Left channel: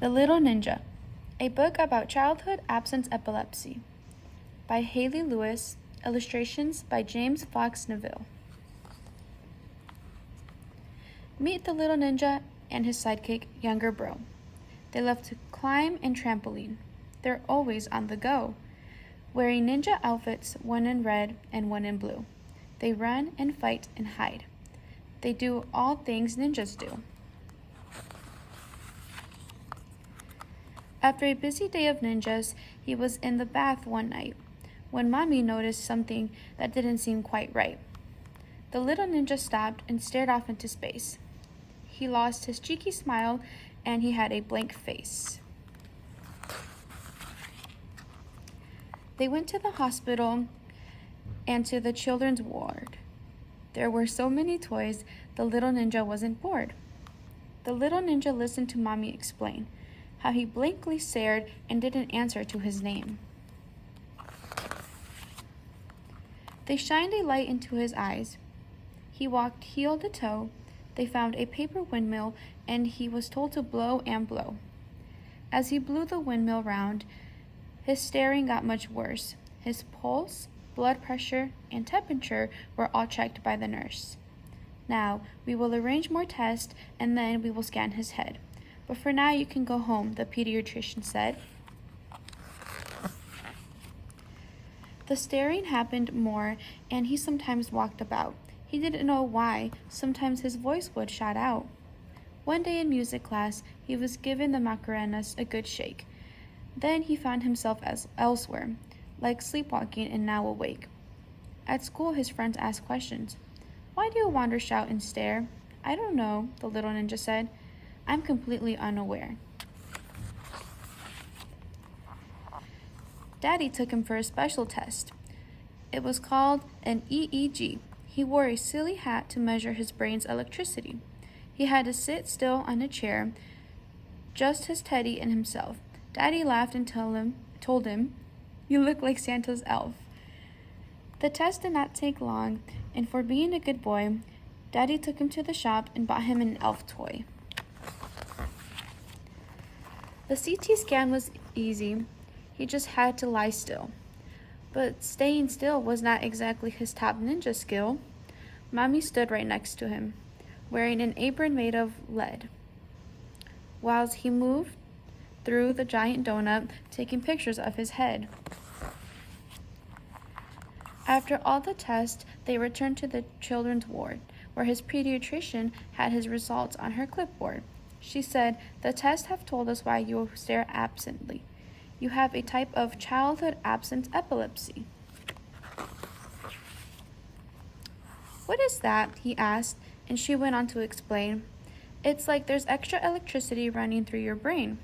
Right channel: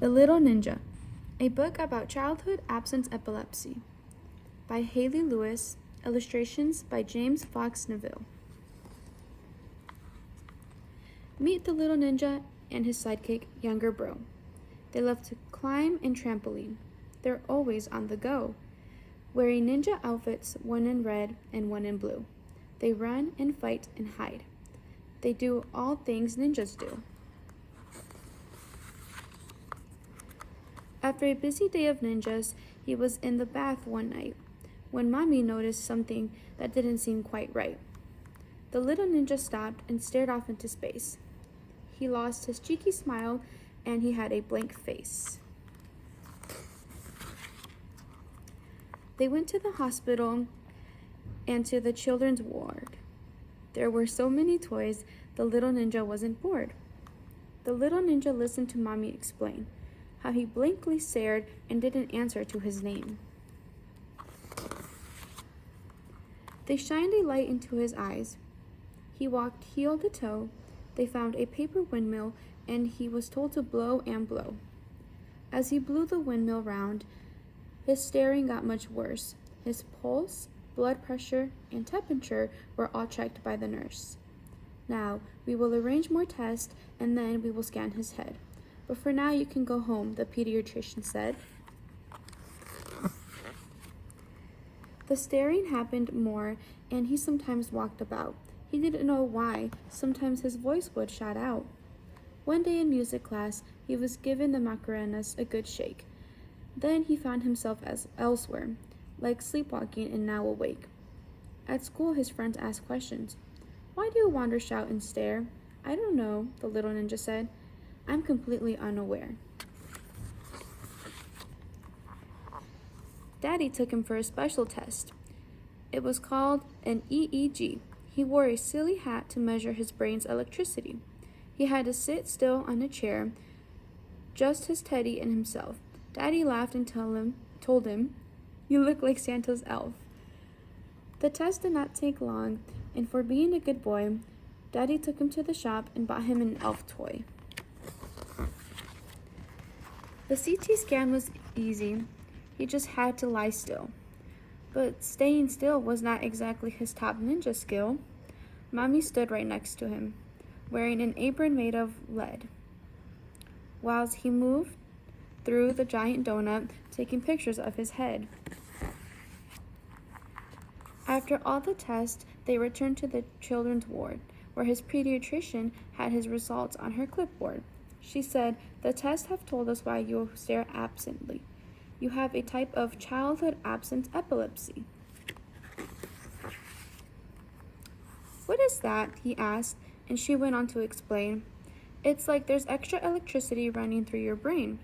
The Little Ninja, a book about childhood absence epilepsy, by Hayley Lewis, illustrations by James Fox Neville. Meet the little ninja and his sidekick, younger bro. They love to climb and trampoline. They're always on the go, wearing ninja outfits, one in red and one in blue. They run and fight and hide. They do all things ninjas do. After a busy day of ninjas, he was in the bath one night when Mommy noticed something that didn't seem quite right. The little ninja stopped and stared off into space. He lost his cheeky smile and he had a blank face. They went to the hospital and to the children's ward. There were so many toys, the little ninja wasn't bored. The little ninja listened to Mommy explain how he blankly stared and didn't answer to his name. They shined a light into his eyes. He walked heel to toe. They found a paper windmill and he was told to blow and blow. As he blew the windmill round, his staring got much worse. His pulse, blood pressure, and temperature were all checked by the nurse. Now, we will arrange more tests and then we will scan his head. But for now, you can go home, the pediatrician said. The staring happened more, and he sometimes walked about. He didn't know why. Sometimes his voice would shout out. One day in music class, he was given the Macarenas a good shake. Then he found himself elsewhere, like sleepwalking and now awake. At school, his friends asked questions. "Why do you wander, shout, and stare?" "I don't know," the little ninja said. "I'm completely unaware." Daddy took him for a special test. It was called an EEG. He wore a silly hat to measure his brain's electricity. He had to sit still on a chair, just his teddy and himself. Daddy laughed and told him, "You look like Santa's elf." The test did not take long, and for being a good boy, Daddy took him to the shop and bought him an elf toy. The CT scan was easy. He just had to lie still. But staying still was not exactly his top ninja skill. Mommy stood right next to him, wearing an apron made of lead, whilst he moved through the giant donut, taking pictures of his head. After all the tests, they returned to the children's ward, where his pediatrician had his results on her clipboard. She said, "The tests have told us why you stare absently. You have a type of childhood absence epilepsy." "What is that?" he asked, and she went on to explain. "It's like there's extra electricity running through your brain.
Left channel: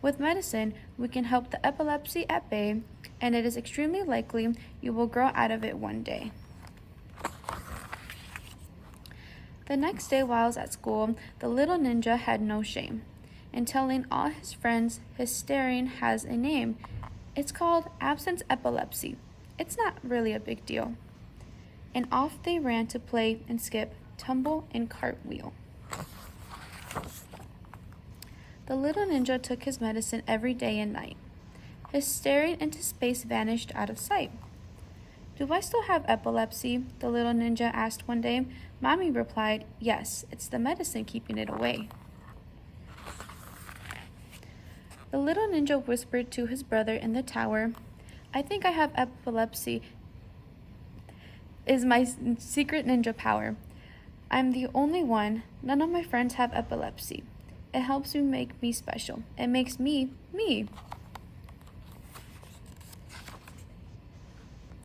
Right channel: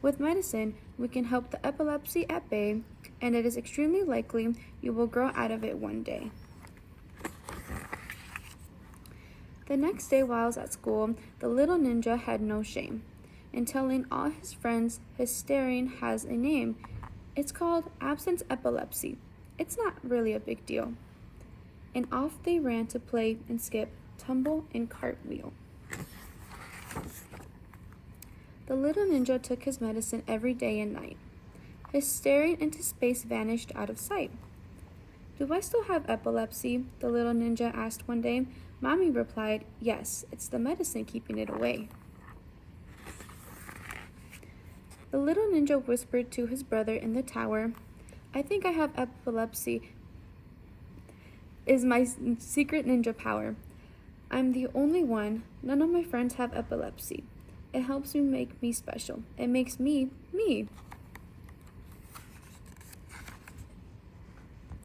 With medicine, we can help the epilepsy at bay, and it is extremely likely you will grow out of it one day." The next day while I was at school, the little ninja had no shame in telling all his friends his staring has a name. It's called absence epilepsy. It's not really a big deal. And off they ran to play and skip, tumble, and cartwheel. The little ninja took his medicine every day and night. His staring into space vanished out of sight. "Do I still have epilepsy?" the little ninja asked one day. Mommy replied, "Yes, it's the medicine keeping it away." The little ninja whispered to his brother in the tower, "I think I have epilepsy. Is my secret ninja power. I'm the only one. None of my friends have epilepsy. It helps me make me special. It makes me, me."